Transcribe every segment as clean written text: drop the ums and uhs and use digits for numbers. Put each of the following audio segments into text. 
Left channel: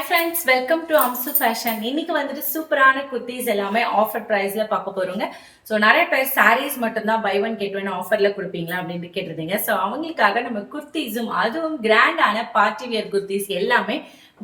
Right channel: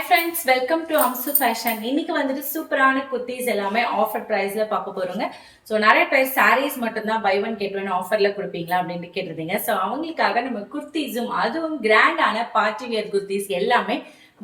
Hi friends, welcome to Amsu Fashion. இன்னைக்கு வந்துட்டு சூப்பரான குர்த்திஸ் எல்லாமே ஆஃபர் பிரைஸ்ல பார்க்க போறோங்க. ஸோ நிறைய பேர் சாரீஸ் மட்டும்தான் பை ஒன் கெட் ஒன் ஆஃபர்ல கொடுப்பீங்களா அப்படின்னு கேட்டிருந்தீங்க. ஸோ அவங்களுக்காக நம்ம குர்த்திஸும் அதுவும் கிராண்டான பார்ட்டி வியர் குர்த்திஸ் எல்லாமே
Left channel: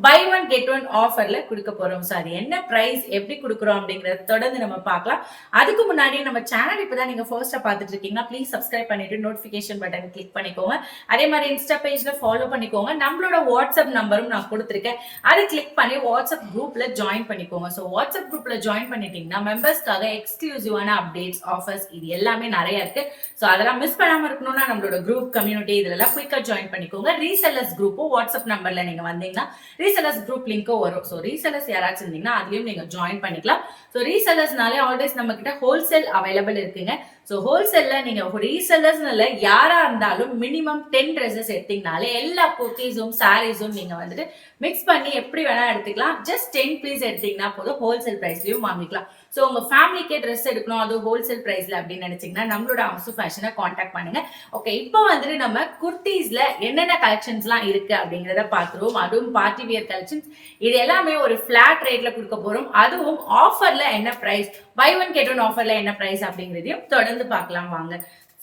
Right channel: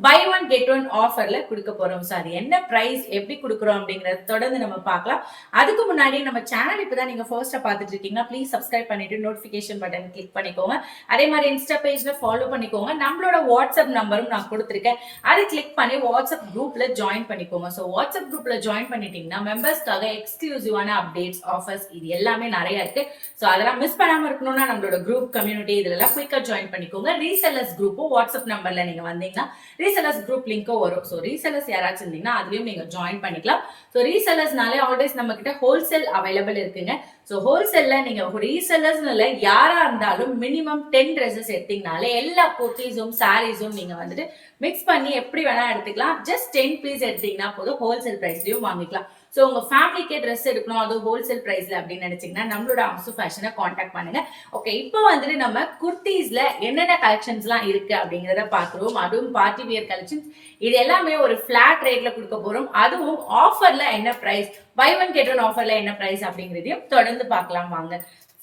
பை ஒன் கெட் ஒன் ஆஃபர்ல கொடுக்க போறோம். சார் என்ன பிரைஸ் எப்படி கொடுக்குறோம் அப்படிங்கறத தொடர்ந்து நம்ம பார்க்கலாம். அதுக்கு முன்னாடி நம்ம சேனல் இப்பதான் நீங்க ஃபர்ஸ்டா பார்த்துட்டு இருக்கீங்கன்னா ப்ளீஸ் சப்ஸ்கிரைப் பண்ணிட்டு நோட்டிபிகேஷன் பட்டன் கிளிக் பண்ணிக்கோங்க. அதே மாதிரி இன்ஸ்டா பேஜ்ல ஃபாலோ பண்ணிக்கோங்க. நம்மளோட வாட்ஸ்அப் நம்பரும் நான் கொடுத்துருக்கேன், அதை கிளிக் பண்ணி வாட்ஸ்அப் குரூப்ல ஜாயின் பண்ணிக்கோங்க. ஸோ வாட்ஸ்அப் குரூப்ல ஜாயின் பண்ணிட்டீங்கன்னா மெம்பர்ஸ்க்காக எக்ஸ்க்ளூசிவான அப்டேட்ஸ் ஆஃபர்ஸ் இது எல்லாமே நிறைய இருக்கு. ஸோ அதெல்லாம் மிஸ் பண்ணாம இருக்கணும்னா நம்மளோட குரூப் கம்யூனிட்டி இதெல்லாம் குயிக்கா ஜாயின் பண்ணிக்கோங்க. ரீசெல்லர்ஸ் குரூப்பும் வாட்ஸ்அப் நம்பர்ல நீங்க வந்தீங்கன்னா ரீசெல்லர்ஸ் குரூப் லிங்க்கும் வரும். ஸோ ரீசெல்லர்ஸ் யாராச்சும் இருந்தீங்கன்னா அதுலயும் நீங்க ஜாயின் பண்ணிக்கலாம். ஸோ ரீசெல்லர்ஸ்னாலே ஆல்வேஸ் நம்ம கிட்ட ஹோல்சேல் அவைலபிள் இருக்குங்க. ஸோ ஹோல்சேல்ல நீங்க ரீசெல்லர்ஸ்னால யாரா இருந்தாலும் மினிமம் 10 ட்ரெஸ்ஸஸ் எடுத்தீங்கனாலே எல்லா குர்த்திஸும் சாரீஸும் நீங்க வந்துட்டு மிக்ஸ் பண்ணி எப்படி வேணா எடுத்துக்கலாம். ஜஸ்ட் 10 பீஸ் எடுத்தீங்கன்னா போதும், ஹோல்சேல் பிரைஸ்லயும் வாங்கிக்கலாம். ஸோ உங்க ஃபேமிலிக்கே ட்ரெஸ் எடுக்கணும் அது ஹோல்சேல் பிரைஸ்ல அப்படின்னு நினைச்சீங்கன்னா நம்மளோட அம்சு ஃபேஷனை காண்டாக்ட் பண்ணுங்க. ஓகே, இப்போ வந்துட்டு நம்ம குர்த்திஸ்ல என்னென்ன கலெக்ஷன்ஸ்லாம் இருக்கு அப்படிங்கிறத பார்த்துருவோம். அதுவும் பார்ட்டி வியர் கலெக்ஷன்ஸ் இது எல்லாமே ஒரு ஃபிளாட் ரேட்ல கொடுக்க போறோம். அதுவும் ஆஃபர்ல என்ன price, buy one get one ஆஃபர்ல என்ன பிரைஸ் அப்படிங்கிறதையும் தொடர்ந்து பார்க்கலாம் வாங்க.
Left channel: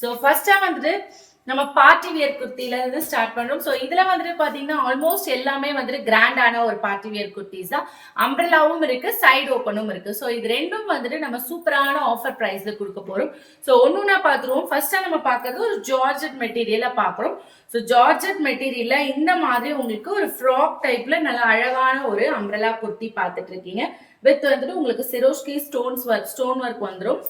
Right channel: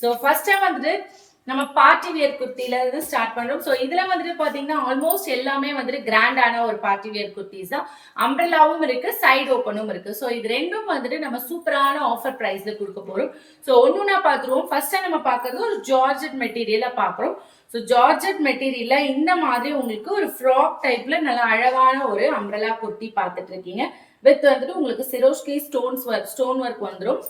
ஸோ ஃபர்ஸ்டா வந்துட்டு நம்ம பார்ட்டி வியர் குர்த்தில இருந்து ஸ்டார்ட் பண்றோம். ஸோ இதுல வந்துட்டு பாத்தீங்கன்னா ஆல்மோஸ்ட் எல்லாமே வந்துட்டு கிராண்டான ஒரு பார்ட்டி வியர் குர்த்திஸ் தான். அம்ப்ரெல்லாவும் இருக்கு, சைடு ஓப்பனும் இருக்கு. ஸோ இது ரெண்டும் வந்துட்டு நம்ம சூப்பரான ஆஃபர் பிரைஸ்ல கொடுக்க போறோம். ஸோ ஒன்னொன்னா பாத்துருவோம். ஃபர்ஸ்டா நம்ம பாக்குறது ஒரு ஜார்ஜெட் மெட்டீரியல பாக்குறோம். ஸோ ஜார்ஜெட் மெட்டீரியல்ல இந்த மாதிரி உங்களுக்கு ஒரு ஃப்ராக் டைப்ல நல்ல அழகான ஒரு அம்ப்ரெல்லா குர்த்தி பார்த்துட்டு இருக்கீங்க. வித் வந்துட்டு உங்களுக்கு சிரோஷ்கி ஸ்டோன் ஒர்க் வந்துடும்.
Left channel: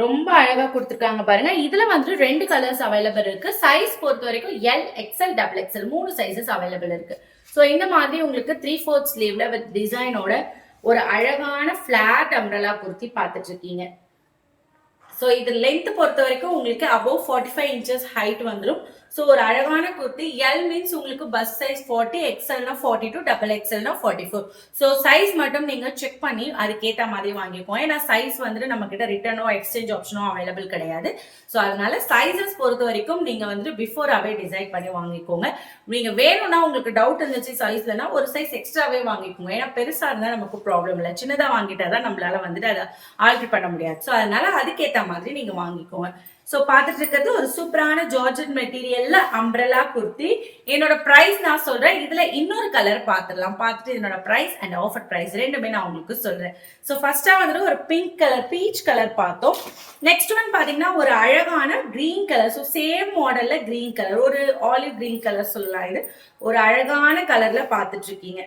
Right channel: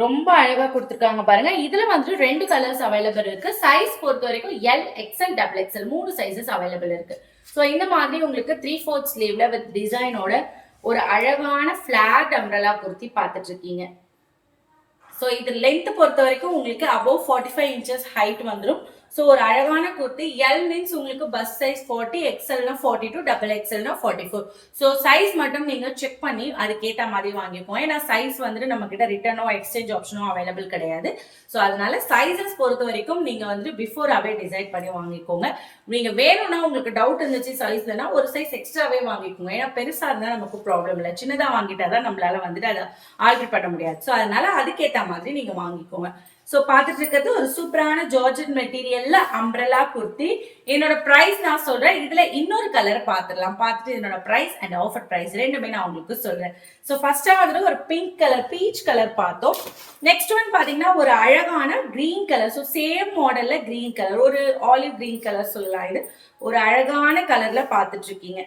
ரொம்ப அழகா கொடுத்துருக்காங்க பாருங்க. இதுல வந்து 2 கலர்ஸ் அவைலபிள் இருக்கு. சைஸ் பொறுத்த வரைக்கும் L, XL, double XL 3 sizes available இருக்கு. ஸோ இந்த மாதிரி உங்களுக்கு 3/4 ஸ்லீவ்ல வித் டிசைனோட ஒரு அழகான பிளாட் அம்ப்ரெல்லா குர்த்தி பார்த்துட்டு இருக்கீங்க. ஸோ இது லென்த் பொறுத்த வரைக்கும் உங்களுக்கு அபவ் 45 இன்ச்சஸ் ஹைட் வந்துடும். ஸோ ஒரு அழகான குர்த்தி. எல் மீன்ஸ் உங்களுக்கு பஸ் சைஸ் 40, எக்ஸ்எல்னா 42, டபுள் எக்ஸ்எல்னா 44. ஸோ சைஸ் மட்டும் நீங்க செக் பண்ணி அதுக்கேற்ற மாதிரி வாங்கிக்கோங்க. ஏன்னா சைஸ் வந்துட்டு நம்ம கிட்ட ரிட்டர்னோ எக்ஸ்சேஞ்ச் ஆப்ஷனோ அவைலபிள் கிடையாது. ஸோ அதனால சைஸஸ் பொறுத்த வரைக்கும் நீங்க வந்து பிஃபோராகவே டிசைட் பண்ணி வாங்கிக்கோங்க. நீங்க வேணும்னா உங்களுக்கு டவுட் இருந்துச்சு சைஸ்லனா ஒரு சைஸ் எக்ஸ்ட்ராவே வாங்கிக்கோங்க. ஏன்னா பெருசா இருந்தா நமக்கு ப்ராப்ளம் இல்லை, சின்னதா வாங்கிட்டாதான் நம்மளால வந்துட்டு அதை ஆல்டர் பண்ண முடியாது. ஸோ அதனால அதுக்கேற்ற மாதிரி நீங்க வாங்கிக்கோங்க. ஸோ பார்த்துட்டு இருக்கிறது ஒரு சூப்பரான ஜார்ஜெட் மெட்டீரியல்ல அம்ப்ரெல்லா குர்த்தி. என்னோட பிரைஸ் நான் சொல்றேன். இதுல இன்னொரு கலர் பார்த்துடலாம். பார்த்துட்டு என்னோட பிரைஸ் அண்ட் ஆஃபர் பிரைஸ் ரெண்டுமே நான் உங்களுக்கு சொல்றேன். ஸோ ஃபர்ஸ்டா வந்துட்டு ஒரு பிங்க் கலர், பீச் கலர் பார்த்தோம். நெக்ஸ்ட் ஒன் பாத்தீங்கன்னா ஒரு அழகான கிரீன் கலர். ஸோ சேம் மாடல்ல கிரீன் கலர், ஒரு ஆலிவ் கிரீன் கலர் சொல்லலாம். இது ஒரு அழகான கலர்ல பார்த்துட்டு இருக்கீங்க.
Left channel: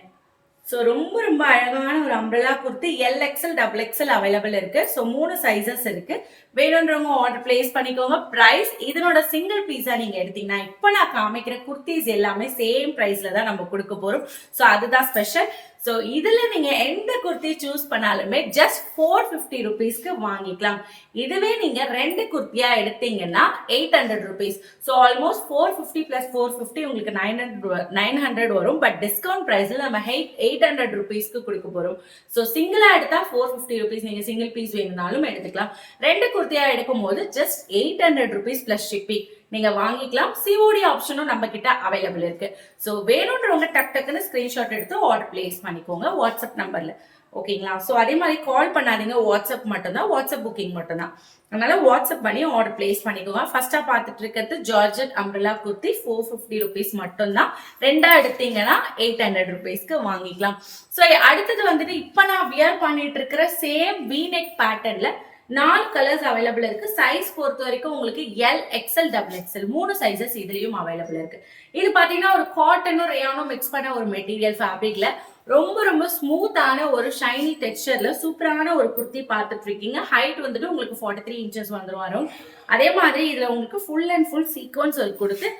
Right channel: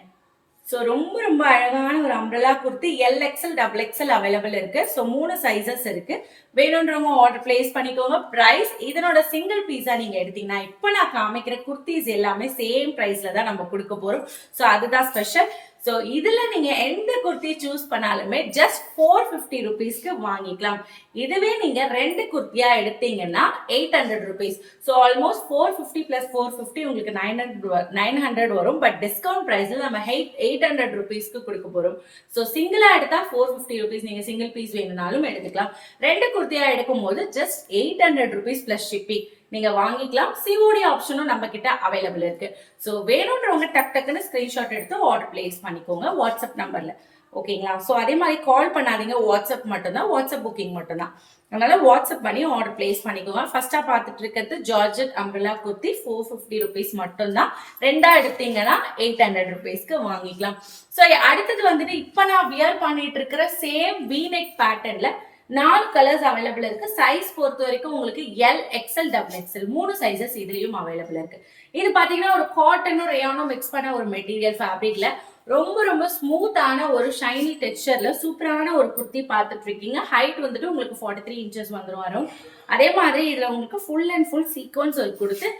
ஸோ ரொம்ப ரொம்ப அழகான ஒரு umbrella kurti. L, XL, double XL available இருக்கு. ஸோ 3 சைசஸ் இருக்கு. வேணுன்றவங்க ஆர்டர் பிளேஸ் பண்ணிக்கோங்க. பிரைஸ் இதனோட சிங்கிள் பீஸா நீங்க எடுத்தீங்கன்னா இப்போ நான் காமிக்கிற குர்த்திஸ் எல்லாமே சேம் பிரைஸ்ல தான் நம்ம கொடுக்க போறோம். ஸோ அதுதான் ஸ்பெஷல். ஸோ இதுல நீங்க எந்த குர்த்தி சூஸ் பண்ணாலுமே ஜஸ்ட் 450 ருபீஸ்க்கு வாங்கிக்கலாம். இதுவே நீங்க 2 குர்த்தியா எடுத்தீங்கன்னா 800 ருபீஸ். ஸோ ஆல்மோஸ்ட் 450 பிளஸ் 450 உங்களுக்கு 900 வரும். பட் டிஸ்கவுண்ட் பிரைஸ்ல நம்ம 800 ருபீஸ்க்கு கொடுக்க போறோம். ஸோ சிங்கிளா எடுத்தா 450 ருபீஸ், நீங்க சிங்கிள் பீஸ் வேணும்னாலும் எடுத்துக்கலாம். 2 குர்த்தியா எடுக்கும் போது ஜஸ்ட் 800 ருபீஸ் பிளஸ் ஷிப்பிங் நீங்க வாங்கிக்கலாம். சிஓடி ஆப்ஷனும் நம்ம கிட்ட அவைலபிள் இருக்கு. ஸோ வேணும்ன்றவங்க டக்குன்னு ஸ்கிரீன்ஷாட் எடுத்து ஆர்டர் பிளேஸ் பண்ணிக்கோங்க வாட்ஸ்அப் நம்பர்ல. ஓகேங்களா? ஸோ அதே மாதிரி கால் பண்ணாதீங்க, வாட்ஸ்அப் மட்டும்தான், வாட்ஸ்அப் புக்கிங் மட்டும்தான். அதனால வாட்ஸ்அப் பண்ணி ஆர்டர் பிளேஸ் பண்ணிக்கோங்க. ஃபர்ஸ்டா பார்த்துட்டு இருக்கிறது ஜார்ஜெட் அம்ப்ரெல்லா குர்த்தி 450 ருபீஸ் மட்டும்தான். 2ஆ எடுத்தீங்கன்னா 800 ருபீஸ்க்கு வாங்கிக்கலாம். ஸோ அடுத்தது வந்துட்டு இப்ப நான் வியர் பண்ணிட்டு இருக்கிற சேம் வீநெக் பேட்டர்ன்ல 4 கலர்ஸ் அவைலபிள் இருக்கு. சைஸ் பொறுத்த வரைக்கும் உங்களுக்கு L, XL, double XL 3 sizes இதுலயும் அவைலபிள் இருக்கு. இது பாத்தீங்கன்னா ஒரு காட்டனும் ரேயானும் மிக்ஸ் பண்ண ஒரு மெட்டீரியல் ஃபேப்ரிக்ல ரொம்ப ரொம்ப ஸ்மூத்தான ஒரு ஷைனி டெக்ஸ்சர்ல சூப்பரான ஒரு குர்த்தி பார்த்துட்டு இருக்கீங்க. ஹைட் வந்துட்டு உங்களுக்கு 43 இன்ச்சஸ் வரும். அதே மாதிரி இதுல உங்களுக்கு full and full sequence work கொடுத்து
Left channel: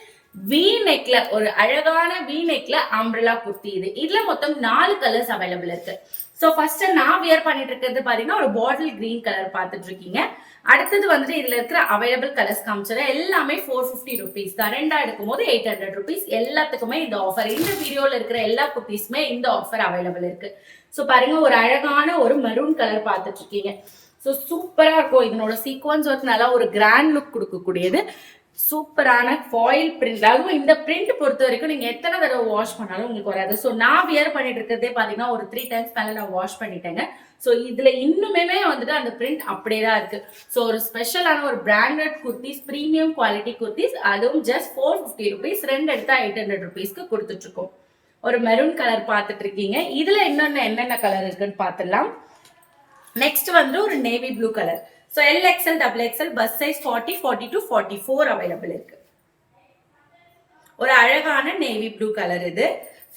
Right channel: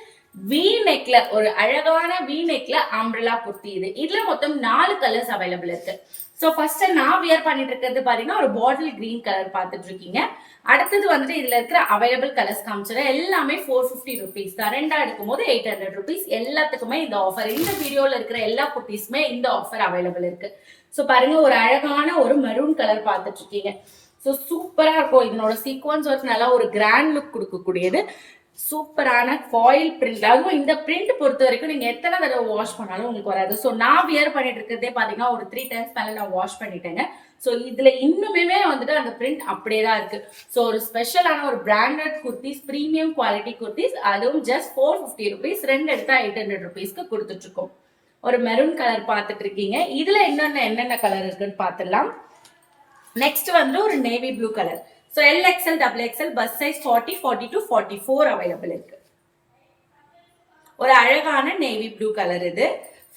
வி நெக்ல ஒரு அழகான வி நெக்ல அம்ப்ரெல்லா குர்த்தி. இதுல மொத்தம் 4 கலர்ஸ் அவைலபிள் இருக்கு. ஸோ ஃபர்ஸ்ட் நான் வியர் பண்ணிட்டு இருக்கிறது பாத்தீங்கன்னா ஒரு பாட்டில் கிரீன் கலர் பார்த்துட்டு இருக்கீங்க. அடுத்தது வந்துட்டு இதுல இருக்கிற அவைலபிள் கலர்ஸ் காமிச்சிடும். எல்லாமே 450 ருபீஸ் தான். 2ஆ எடுக்கும் போது 800 ருபீஸ். எல்லாத்துக்குமே இந்த ஆஃபர், இந்த வீடியோல இருக்கிற எல்லா குர்த்திஸுமே இந்த ஆஃபர் அவைலபிள் இருக்கு. ஸோ பாருங்க ஒரு அழகான ஒரு மெரூன் கலர் பார்த்துட்டு இருக்கீங்க. ஸோ சூப்பரா இருக்கும். இதனோட சீக்வன்ஸ் ஒர்க் நல்லா ஒரு கிராண்ட் லுக் கொடுக்கக்கூடியது. சூப்பரான ஃபாயில் பிரிண்ட். அதுவும் இந்த பிரிண்ட் பொறுத்த வரைக்கும் நீங்க எத்தனை தடவை வாஷ் பண்ணாலும் உங்களுக்கு வராது. ஸோ நான் வியர் பண்ணிட்டு இருக்கிறதே பாத்தீங்கன்னா ஒரு 3 டைம்ஸ் மேல நான் வாஷ் பண்ணிட்டேங்க. ஸோ இதுல இன்னுமே வந்துட்டு அந்த பிரிண்ட் அப்படியே தான் இருக்கு. ஸோ ஒரு ஸ்பெஷலான ஒரு branded kurtis, premium quality kurtis, அதுவும் ஜஸ்ட் 450 ருபீஸ். 2 எடுத்தா 800 ருபீஸ்க்கு கொடுத்துட்டு இருக்கோம். ஒரு மெரூன் கலர் பார்த்துட்டு இருக்கீங்க. இதுல என்னென்ன கலர் இருக்குன்னு பார்த்துடலாம். நெக்ஸ்ட் வந்து ஒரு navy blue colour. So LXL, XXL, bus size 40, 42, 44 available இருக்கு. ஒரு அழகான நேவி ப்ளூ கலர் இது.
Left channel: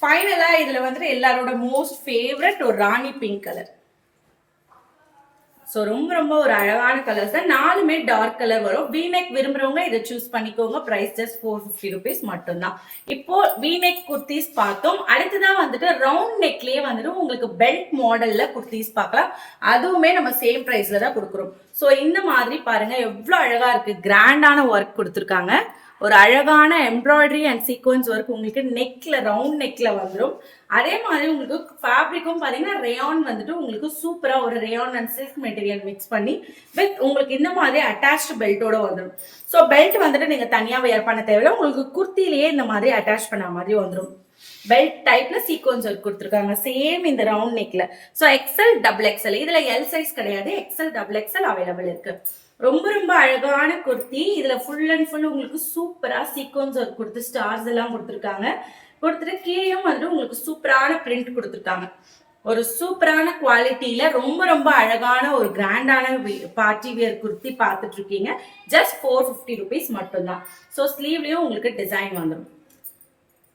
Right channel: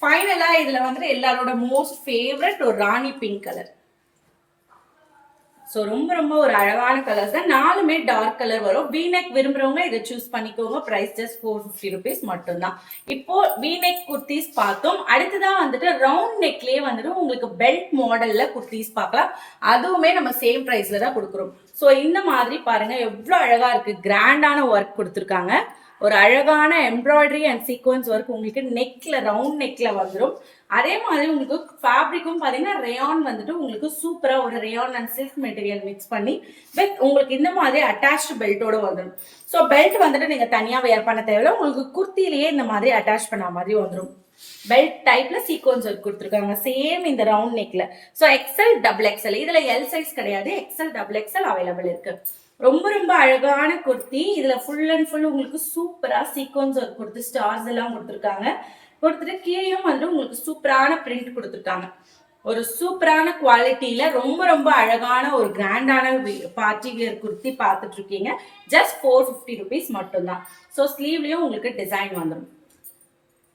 ஃபைனலா இதுல வந்து எல்லாரோட மோஸ்ட் ஃபேவரட் ஒரு ராணி பிங்க் கலர். ஸோ ரொம்ப ஒரு அழகான கலர்ஸ் தான். 4மே டார்க் கலர் வரும். வீநெக் விரும்புறவங்க இதை சூஸ் பண்ணிக்கோங்க. பிரைஸ் ஜஸ்ட் 450 ருபீஸ் மட்டும்தான். இப்போ வீநெக் குர்த்திஸ் பார்த்தோம். அடுத்துதான் வந்துட்டு ரவுண்ட் நெக்லயே வந்துட்டு உங்களுக்கு பெல்ட் மாடல்ல குர்த்திஸ் பார்க்கலாம். அதுவுமே நம்ம சேம் பிரைஸ்ல தான் கொடுக்குறோம். ஸோ இந்த மாதிரி பாருங்க எவ்வளவு அழகா இருக்கு. கிராண்டான ஒர்க் கொடுத்துருக்காங்க. ஒரு அழகான எம்ப்ராய்டரி அண்ட் சீக்வன்ஸ் ஒர்க் உங்களுக்கு நெக்ல, ரவுண்ட் நெக்ல வந்துடும். அதே மாதிரி உங்களுக்கு ஃபேப்ரிக்கும் பாத்தீங்கன்னா ரேயான் வந்துட்டு உங்களுக்கு சூப்பரா ஒரு rayon and silk material mix பண்ணி வித் உங்களுக்கு இந்த மாதிரி அட்டாச்டு பெல்ட்டோட வந்துடும். ஸோ பெல்ட் வந்துட்டு நீங்க தனியா வேர் பண்ண தேவையில்லை. உங்களுக்கு குர்த்திலேயே இந்த மாதிரி அட்டாச் பண்ண மாதிரி வந்துடும். பெல்ட் டைப்ல சீக்வன்ஸ் ஒர்க் கொடுத்துருக்காங்க. சேம் இந்த ரவுண்ட் நெக்ல. So XL, XXL. இதுல எல் சைஸ் கிடையாது. XL, XXL அவைலபிள் இருக்கு. ரொம்ப அழகான குர்த்தி. இதுல ஃபுல் அண்ட் ஃபுல் உங்களுக்கு சூப்பரா சீக்வன்ஸ் ஒர்க் கொடுத்து ஸ்டார்ஸ் எல்லாம் கொடுத்துருக்காங்க. கொடுத்துட்டு கீழேயும் வந்து உங்களுக்கு சூப்பரான பிரிண்ட் கொடுத்துருக்காங்க. ஒரு சூப்பரான குவாலிட்டியில ரொம்ப அழகான ஒரு கிராண்டான பார்ட்டி வியர் குர்த்தி பார்த்துட்டு இருக்கீங்க. ஜஸ்ட் 450 ருபீஸ் மட்டும்தான். ஸோ ஸ்லீவ்லயும் உங்களுக்கு டிசைன் வந்துடும்.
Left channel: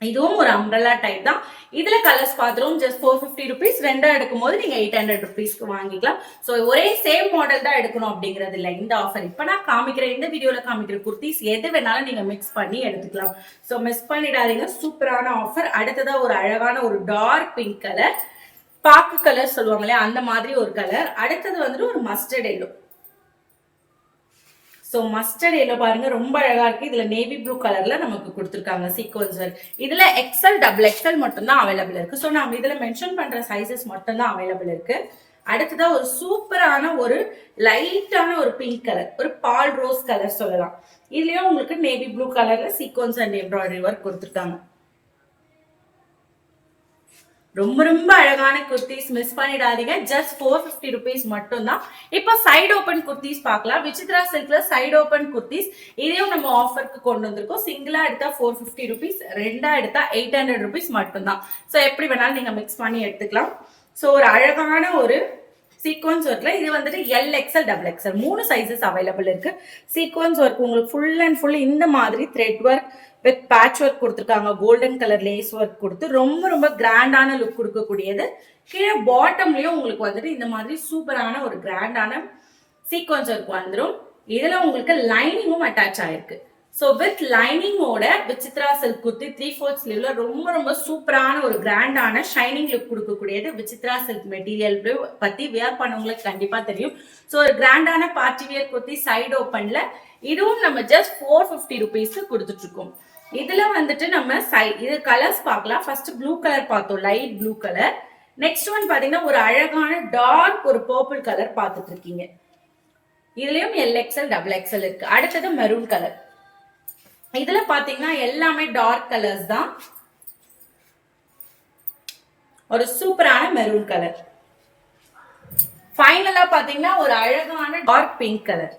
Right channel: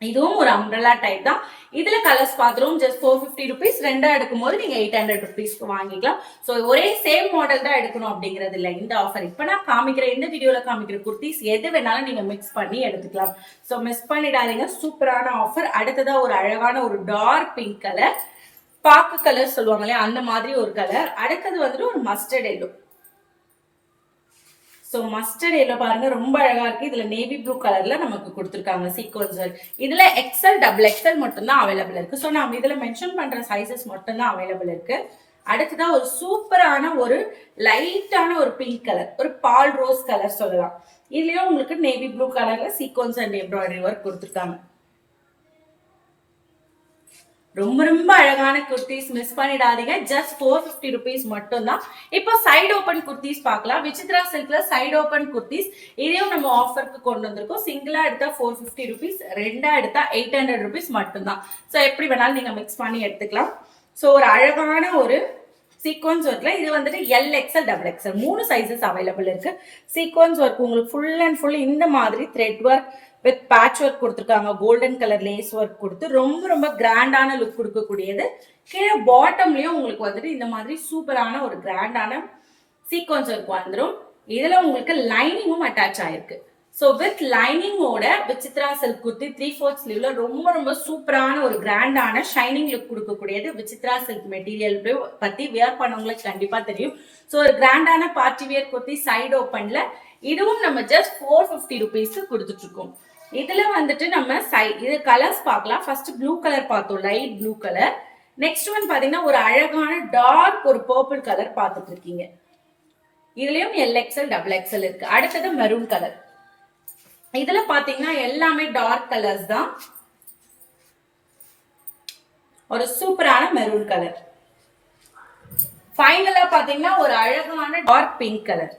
இதுவும் ஒரு அம்ப்ரெல்லா டைப் தான். இதுல கலர்ஸ் பார்த்துரும். Just 450 rupees. 2 எடுக்கும் போது நீங்க 800 ருபீஸ்க்கு வாங்கிக்கலாம். ஸோ ஒரே சேம் மாடல் தான் எடுக்கணும் அப்படிங்கிறது இல்லை இந்த ஆஃபர். இப்ப நான் காமிக்கிற இந்த வீடியோல காமிக்கிற குர்த்திஸ் எது வேணாலும் நீங்க மிக்ஸ் பண்ணி எடுத்துக்கலாம். ஸோ மிஸ் பண்ணிடாதீங்க. சூப்பரான ஆஃபர். அடுத்ததா ஒரு அழகான ஒரு டார்க் பிங்க் கலர், பாக்கு கலர் சொல்லுவாங்க இல்லையா, அந்த மாதிரி ஒரு கலர். அடுத்தது வந்துட்டு ஒரு mustard yellow. So mustard yellow பாருங்க ரொம்ப அழகா இருக்கு. இதுல நேவி ப்ளூ கலர்ல நமக்கு கொடுத்துருக்காங்க சீக்வன்ஸ். இதுல XL, XXL மட்டும்தான் அவைலபிள் இருக்கு. ஸோ நம்ம இதுல மென்ஷன் பண்ற சைசஸ் மட்டும்தான் அவைலபிள் இருக்கு. அடுத்ததான் ஒரு சூப்பரான ஒரு லைட்டான ஒரு பிங்க் கலர், ஒரு பால் ரோஸ் கலர் சொல்லலாம். இதுலயும் உங்களுக்கு நேவி ப்ளூ கலர்ல சீக்வன்ஸ் அண்ட் எம்ப்ராய்டரி ஒர்க் கொடுத்துருக்காங்க. ரொம்ப அழகான குர்த்திஸ் மிஸ் பண்ணிடாதீங்க. ஜஸ்ட் 450 ருபீஸ் மட்டும் தான். இப்போ சைடு ஓபன் குர்த்திஸ் பார்க்கலாம். விசித்ரா சில்க்ல சைடு ஓபன் குர்த்திஸ் இதையும் நம்ம ஆஃபருக்கு கொண்டு வந்திருக்கோம். சிங்கிளா எடுத்தா 450 ருபீஸ், 2 எடுத்தா 800 ருபீஸ் மட்டும் தான். ஸோ எப்படி வேணாலும் நீங்க மிக்ஸ் பண்ணி எடுத்துக்கலாம். ஸோ ஒரு அழகான ஒரு சீக்வன்ஸ் ஒர்க்ல இது வந்துட்டு LXL, XXL 3 சைசஸ் அவைலபிள் இருக்கு. சீக்வன்ஸ் ஒர்க் உங்களுக்கு ஃபுல் அண்ட் ஃபுல் இந்த மாதிரி thread work with patch work கொடுத்துருக்காங்க. கோல்டன் கலர் லேஸ் ஒர்க் கொடுத்து ரொம்ப கிராண்டான லுக் கொடுக்கக்கூடியது. கீழே பாட்டம்லயும் உங்களுக்கு வந்துட்டு இந்த மாதிரி சூப்பரான ஒரு கிராண்டான சீக்வன்ஸ் ஒர்க் வந்துடும். இதுல உங்களுக்கு லைனிங்கும் அட்டாச் ஆயிருக்கு. ஸோ வித் லைனிங்கோட விசித்ரா சில்க் குர்த்தி 3/4 ஸ்லீவ்ல ரொம்ப சூப்பரான ஒரு கிராண்டான ஷைனிங் லுக் கொடுக்கக்கூடியது. விசித்ரா சில்க் மெட்டீரியல் பத்தி வியர் பண்ணவங்களுக்கு கண்டிப்பா தெரியும். ஸோ ஒரு கிராண்டான பார்ட்டி வியர் குர்த்தி சைடு ஓப்பன்ல இதுவும் நம்ம ஜஸ்ட் 450 ருபீஸ் கொடுத்துட்டு இருக்கோம். இதுல வந்துட்டு நம்ம இது கலர்ஸ் பார்க்கலாம். ஃபர்ஸ்ட் ப்ளூ கலர் பார்த்தோம், light blue colour. Next one பாத்தீங்கன்னா ஒரு அழகான டார்க் ஒரு பர்பிள் கலர் பார்த்துட்டு இருக்கீங்க. இதுலயும் LXL, XXL இருக்கு. அடுத்தது மெரூன் கலர். இதுல பாத்தீங்கன்னா எல்லாமே டார்க் கலர்ஸ் தான். ஒரு சூப்பரான மெரூன் கலர். ஃபைனலா பாத்தீங்கன்னா ஒரு அழகான டார்க் பிங்க் கலர்.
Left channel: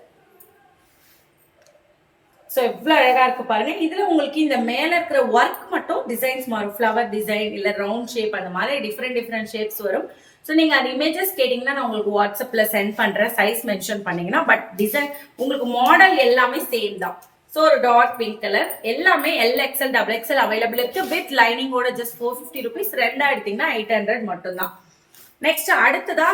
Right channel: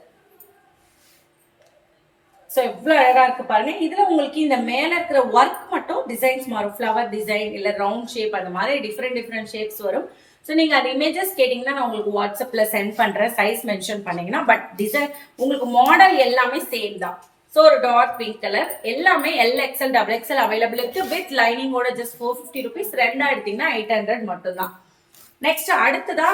ஸோ எவ்வளோ அழகா இருக்கு பாருங்க. இதுல உங்களுக்கு இந்த மேல இருக்கிற ஒர்க் மட்டும் டிசைன்ஸ் மாறும். ஃப்ளவர் டிசைன் இல்ல ரவுண்ட் ஷேப் அந்த மாதிரி டிஃப்ரெண்ட் ஷேப்ஸ் வரும். ஸோ நீங்க அது இமேஜஸ் கேட்டீங்கன்னா நான் உங்களுக்கு வாட்ஸ்அப்ல சென்ட் பண்றேன். சைஸ் மென்ஷன் பண்ணீங்கன்னா. பட் டிசைன் உங்களுக்கு மாடல் எல்லாமே சேம் தான். ஸோ ஒரு டார்க் பிங்க் கலர். எல்லாமே LXL, XXL அவைலபிள் இருக்கு. வித் லைனிங்கோட ஜஸ்ட் 450 ருபீஸ். 2 எடுத்தீங்கன்னா 800 மட்டும் தான். நெக்ஸ்ட் அடுத்ததா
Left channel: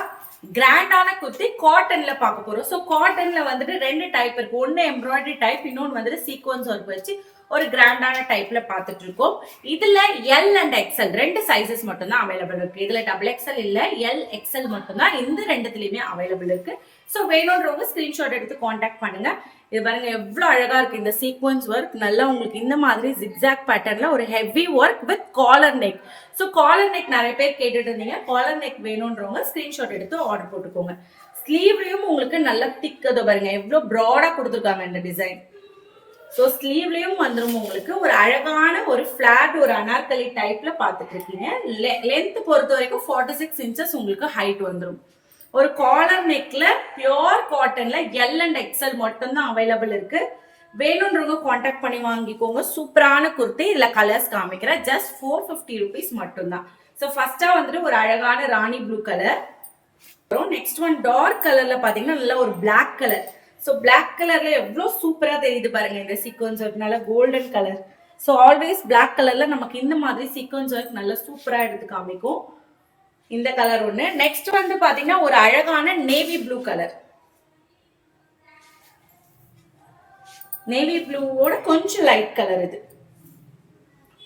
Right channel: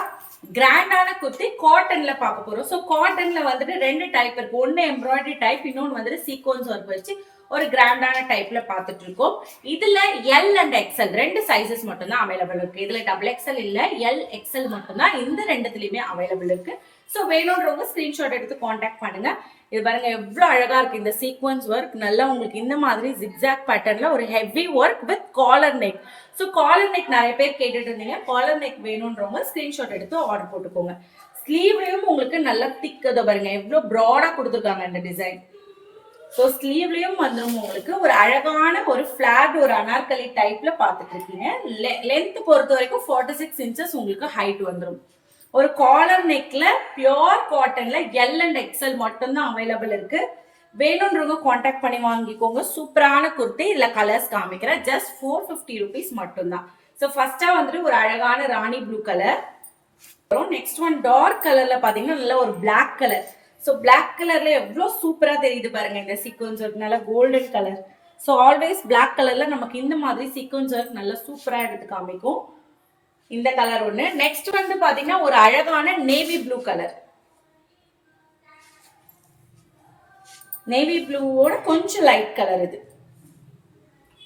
கிராண்டான குர்த்தி காட்டன்ல பார்க்க போறோம். ஸோ காட்டன்ல வந்துட்டு 2 டைப் இருக்கு. ஒன்னு எம்ப்ராய்டரி டைப், இன்னொன்று வந்துட்டு சீக்வன்ஸ் ஒர்க் வச்சு ஒரு கிராண்டான டைப்ல பார்த்துட்டு இருக்கோம். இதுல L and XL 2 சைசஸ் மட்டும் தான் அவைலபிள் இருக்கு. இதுல XXL இல்ல, LXL மட்டும் தான் இந்த ரெண்டுத்துலயுமே அவைலபிள் இருக்கு. ஸோ வேணும்ன்றவங்க ஸ்கிரீன்ஷாட் எடுத்து கான்டாக்ட் பண்ணுங்க. இது பாருங்க எவ்வளவு அழகா இருக்கு இந்த சீக்வன்ஸ் ஒர்க். நல்லா உங்களுக்கு இந்த மாதிரி ஜிக்ஸாக் பேட்டர்ன்ல ஒரு heavy work with collar neck. So collar neck நிறைய பேர் கேட்டுட்டு இருந்தீங்க. காலர் நெக் வேணும்ன்றவங்க ஸ்கிரீன்ஷாட் எடுத்து ஆர்டர் போட்டுக்கோங்க. ஸ்லீவ்லயும் உங்களுக்கு நல்ல திக் பாருங்க எவ்வளவு ப்ராடா கொடுத்துருக்காங்க இந்த டிசைன். ஸோ ஸ்லீவ்லயும் வந்துடும் உங்களுக்கு ஒரு அழகான ஒரு ஃபிளாட் ஒரு அனார்கலி டைப்ல பார்த்துட்டு இருக்கீங்க. லென்த் பொறுத்த வரைக்கும் 46 இன்ச்சஸ் உங்களுக்கு ஹைட் வந்துடும். ஒரு காலர் நெக்ல பியோர் காட்டன்ல எல் அண்ட் எக்ஸ்எல் மட்டும்தான் அவைலபிள் இருக்கு. வேணும்ன்றவங்க கான்டாக்ட் பண்ணி வாங்கிக்கோங்க. சூப்பரான குர்த்தி. இதுல கலர்ஸ் காமிக்கிறேன். ஜஸ்ட் 450 ருபீஸ் மட்டும்தான். ஸோ ஃபர்ஸ்டா வந்துட்டு ஒரு அழகான rani blue colour. Next one dark கலர்ல பாத்தீங்கன்னா நல்ல ஒரு பிளாக் கலர். ஸோ பிளாக் கலர்ல எவ்வளவு சூப்பரா தெரியுது பாருங்க இந்த சீக்வன்ஸ் ஒர்க். நல்ல golden colour. So always black கலர்ல நமக்கு இந்த மாதிரி சீக்வன்ஸ் ஒர்க் நல்ல சூப்பரா எடுத்து காமிக்கும். இந்த கலர் ஒண்ணு. நெக்ஸ்ட் வந்து பாத்தீங்கன்னா ஒரு அழகான நேவி ப்ளூ கலர். நேவி ப்ளூவோட கொஞ்சம் லைட் கலர் இது.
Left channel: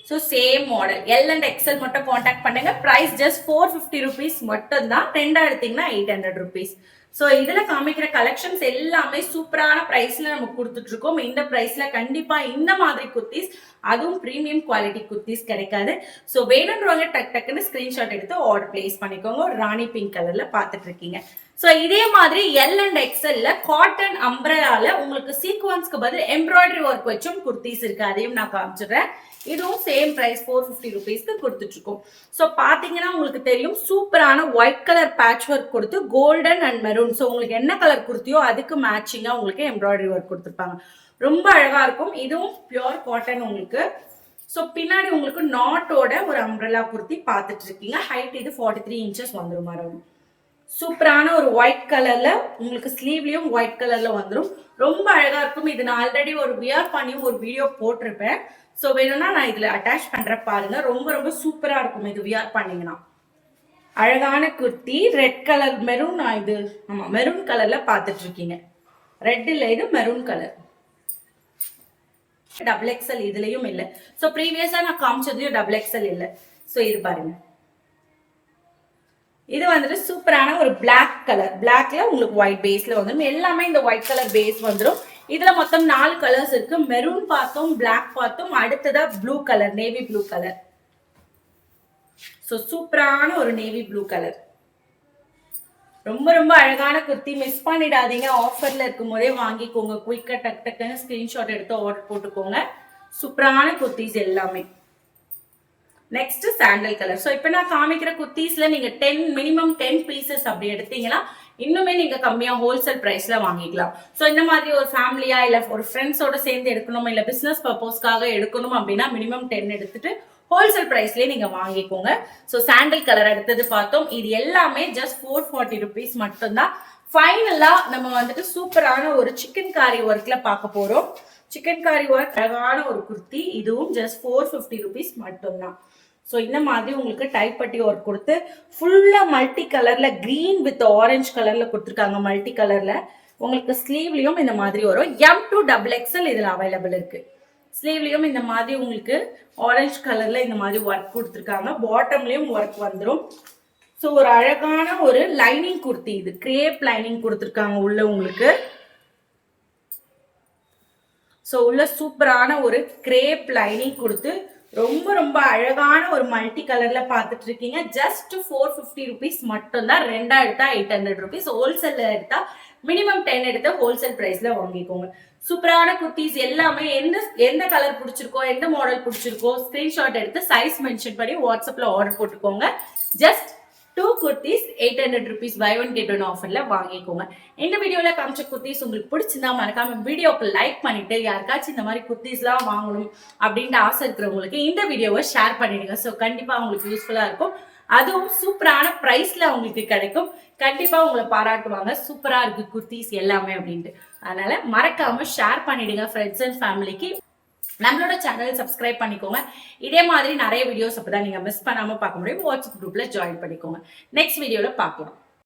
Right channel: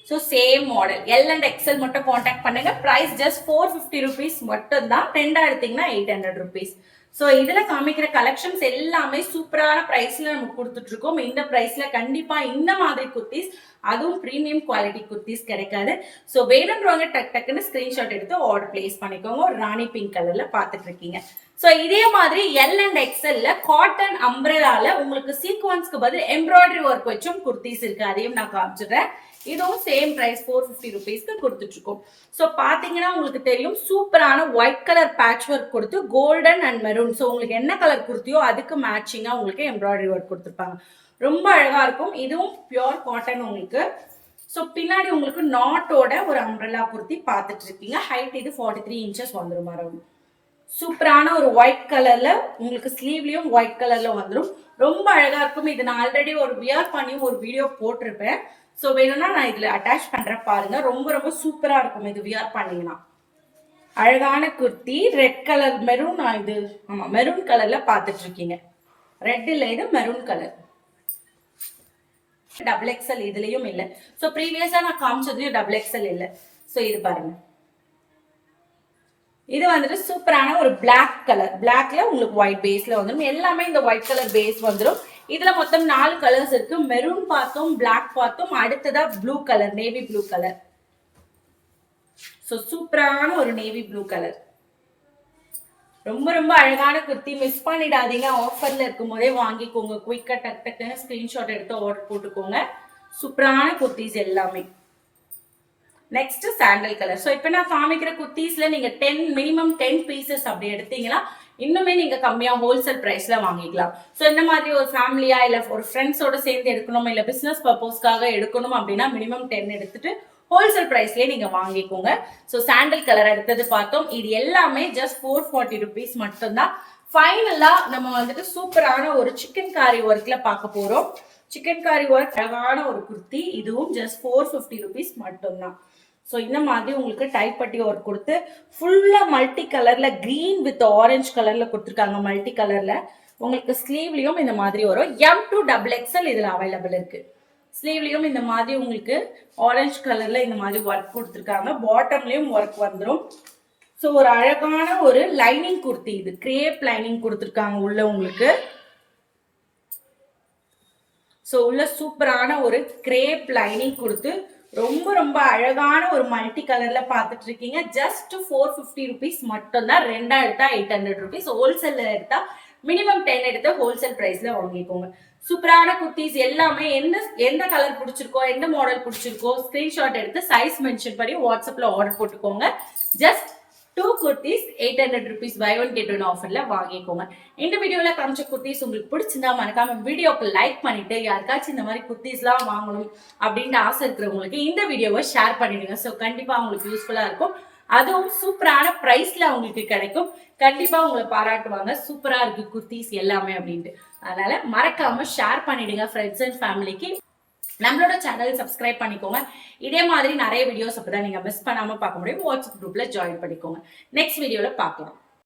So same model. L and XL மட்டும் கான்டாக்ட் பண்ணுங்க. பிரைஸ் ஜஸ்ட் 450 ருபீஸ் மட்டும் தான். ரெண்டா எடுத்தீங்கன்னா 800 ருபீஸ். ஸோ இதுல காமிக்கிற கலெக்ஷன்ஸ் எல்லாமே சூப்பரான பிரைஸ்ல நம்ம கொடுத்துட்டு இருக்கோம். இந்த பிரைஸ்ல கண்டிப்பா இந்த மாதிரி குர்த்திஸ், அதுவும் பிரீமியம் குவாலிட்டி குர்த்திஸ் கிடைக்காது. ஸோ வேணுன்றவங்க டக்குன்னு ஸ்கிரீன்ஷாட் எடுத்து ஆர்டர் பிளேஸ் பண்ணிக்கோங்க. ஒரு ராணி பிங்க் கலர்ல பார்த்துட்டு இருக்கீங்க. ஸோ இதே மாதிரி எல் அண்ட் எக்ஸ்எல்ல காட்டன் அம்ப்ரெல்லால உங்களுக்கு சீக்வன்ஸ்க்கு பதில் எம்ப்ராய்டரி ஒர்க் வச்சும் குர்த்திஸ் இருக்கு. அதையும் நான் காமிச்சிடுறேன். இதுவும் சேம் பிரைஸ் 450 ருபீஸ்க்கு கொடுத்துட்டு இருக்கோம். ஸோ பாத்தீங்கன்னா உங்களுக்கு தெரியும் சூப்பரான ஒயிட் கலர் பேட்ச் ஒர்க் கொடுத்து கோல்டன் அண்ட் மெரூன். ஸோ உங்களுக்கு என்ன கலர் குர்த்தியோ அதுக்கு மேட்சிங்கா உங்களுக்கு எம்ப்ராய்டரி ஒர்க் கொடுத்துருப்பாங்க. ரொம்ப அழகா இருக்கும். இதுவும் பியோர் காட்டன் உங்களுக்கு. ஸோ பின்னாடி உங்களுக்கு நாட்டோட ஒரு அம்ப்ரெல்லா குர்த்தி பார்த்துட்டு இருக்கீங்க. ஹைட் இது 43 இன்ச்சஸ் வந்துடும். அரௌண்ட் சூப்பரான ஒரு ஒயிட் கலர்ல உங்களுக்கு ஸ்லீவ்லயும் ஒயிட் கலர்ல வந்துடும். ரொம்ப அழகா இருக்கும். இது நான் ஆல்ரெடி ஒரு வியர் பண்ணி ஒரு வீடியோ போட்டிருப்பேன். ஸோ வேணும்னா நான் இதுல அட்டாச் பண்றேன் பாருங்க. ரொம்ப ரொம்ப சூப்பரா இருக்கும் இது வியர் பண்ணீங்கன்னா. அழகான குர்த்தி. Red colour maroon. இது ஆமா மெரூன் கலர்ல பார்த்துட்டு இருக்கீங்க. ரெட் இல்ல, இது மெரூன் கலர். டபுள் எக்ஸ்எல் இதுலயும் இல்ல. ஸோ ப்ரீவியஸா நான் காமிச்சதுலயும் டபுள் எக்ஸ்எல் இல்ல. ஸோ இது பாருங்க. இது வந்துட்டு சூப்பரான ஒரு பிளாக் கலர். பிளாக்ல உங்களுக்கு ஒயிட் பேஸ்ல வந்துடும். எல்லாமே இந்த ஒயிட் கலர் பேஸ் வந்துடும். இதுல மொத்தம் 4 கலர்ஸ் இருக்கு. மெரூன் பார்த்தோம், பிளாக் பார்த்தோம், அடுத்ததா blue colour, navy blue colour. So சூப்பரான ஒரு நேவி ப்ளூ கலர். ரொம்ப ரொம்ப அழகான குர்த்தி. மிஸ் பண்ணிடாதீங்க. ஆஃபர்ல இருக்கும் போதே வாங்கிக்கோங்க. குயிக்கா டக்குன்னு ஸ்கிரீன்ஷாட் எடுத்து ஆர்டர் போட்டுக்கோங்க. சூப்பரான குர்த்திஸ் எல்லாமே. Next sandal colour. ஸோ இப்போ நான் காமிக்கிற குர்த்திஸ்ல நீங்க மினிமம் 10 பீசஸ் அப்படி எடுத்தீங்கன்னா இன்னுமே நீங்க கம்மியா ஹோல்சேல் பிரைஸ்ல வாங்கிக்கலாம். ஸோ இந்த மாதிரி ஒரு ஃபேமிலியா இல்ல ஒரு ஃப்ரெண்ட்ஸோட சேர்ந்து எடுக்கணும், இல்ல பிசினஸ் பர்பஸ்க்காக எடுக்கணும் அப்படின்னா மினிமம் 10 எடுத்துட்டு ஹோல்சேல் பிரைஸ்லயே நீங்க வாங்கிக்கோங்க. ஸோ சாண்டல் கலர் அடுத்தது பார்த்தோம். இது எல்லாமே ஜஸ்ட் 440 ருபீஸ் மட்டும்தான். ஃபைனலா நம்ம வந்துட்டு சூப்பரான ஒரு சிக்கன் காரி ஒர்க்ல பார்க்க போறோம். சிக்கன் காரி ஒர்க் அழகான ஒரு குர்த்தி. இதுவும் ஜஸ்ட் 450 ருபீஸ் மட்டும்தான். ஸோ இந்த மாதிரி உங்களுக்கு டைப் பட்டி ஒர்க் கொடுத்து ஃபுல்லா மல்டி கலர்ல கிரீன் வித் ஆரஞ்சு கலர்ல கொடுத்துருக்காங்க. மல்டி கலர்ல உங்களுக்கு ஸ்லீவ்லயும் இந்த மாதிரி வரும். M2 XXL இதுல அவைலபிள் இருக்கு. ஸ்லீவ்லயும் இந்த மாதிரி உங்களுக்கு ஆரஞ்சு கலர்ல இந்த மாதிரி ஒர்க் கொடுத்துருக்காங்க. பாட்டம்லயும் ஒர்க் வந்துடும். ஸோ ஒரு அழகான ஒரு லைனிங் குர்த்தி. இது கிரேப் லைனிங் கொடுத்துருக்காங்க உள்ள உங்களுக்கு. ஸோ உள்ள சூப்பரான ஒரு கிரேப் லைனிங் கொடுத்து ரொம்ப ரொம்ப அழகான ஒரு மல்டி கலர்ல பார்த்துட்டு இருக்கீங்க. ஜஸ்ட் 450 ருபீஸ் மட்டும் தான். ரெண்டா எடுத்தா 800 ருபீஸ். ஹோல்சேல்ல எடுத்தா மினிமம் 10 எடுத்து ஹோல்சேல் பிரைஸ்ல வாங்கிக்கோங்க. சூப்பரான குர்த்திஸ் எல்லாமே எந்த கலர் பிடிச்சிருக்கோ, எந்த மாடல் பிடிச்சிருக்கோ ஸ்கிரீன்ஷாட் எடுத்து சைஸ் மென்ஷன் பண்ணி வாட்ஸ்அப்ல ஆர்டர் போட்டுக்கோங்க. Just 2 kurtis 800 rupees buy one get one ஆஃபர்ல வாங்கிக்கோங்க. இந்த வீடியோல காமிச்ச குர்த்திஸ் உங்களுக்கு பிடிச்சிருந்தா மறக்காம வீடியோக்கு லைக் பண்ணிட்டு யாருக்காச்சும் இந்த மாதிரி குர்த்திஸ்லாம் வாங்கணும் அப்படின்னு ஆசை இருக்கிறவங்களுக்கு இந்த வீடியோவை ஷேர் பண்ணிடுங்க. ஸோ கண்டிப்பா உங்களுக்கு யூஸ்ஃபுல்லா இருக்கும். அதுவும் சூப்பரான பிரைஸ்ல உங்களுக்கு கிடைக்கும். கண்டிப்பா உங்களை பாராட்டுவாங்க. சூப்பரா இருக்கு குர்த்திஸ் எல்லாமே அப்படின்ட்டு. அதனால மறக்காம ஷேர் பண்ணிடுங்க ஃப்ரெண்ட்ஸ் அண்ட் ஃபேமிலிக்கு. நம்மளோட சேனல் சப்ஸ்கிரைப் பண்ணிக்கோங்க. இதே மாதிரி நிறைய வீடியோஸ் அப்பதான் நீங்க மிஸ் பண்ணாம பார்க்க முடியும். வாட்ஸ்அப் குரூப்ல ஜாயின் பண்ணிக்கோங்க. நெக்ஸ்ட் வீடியோல பார்க்கலாம்.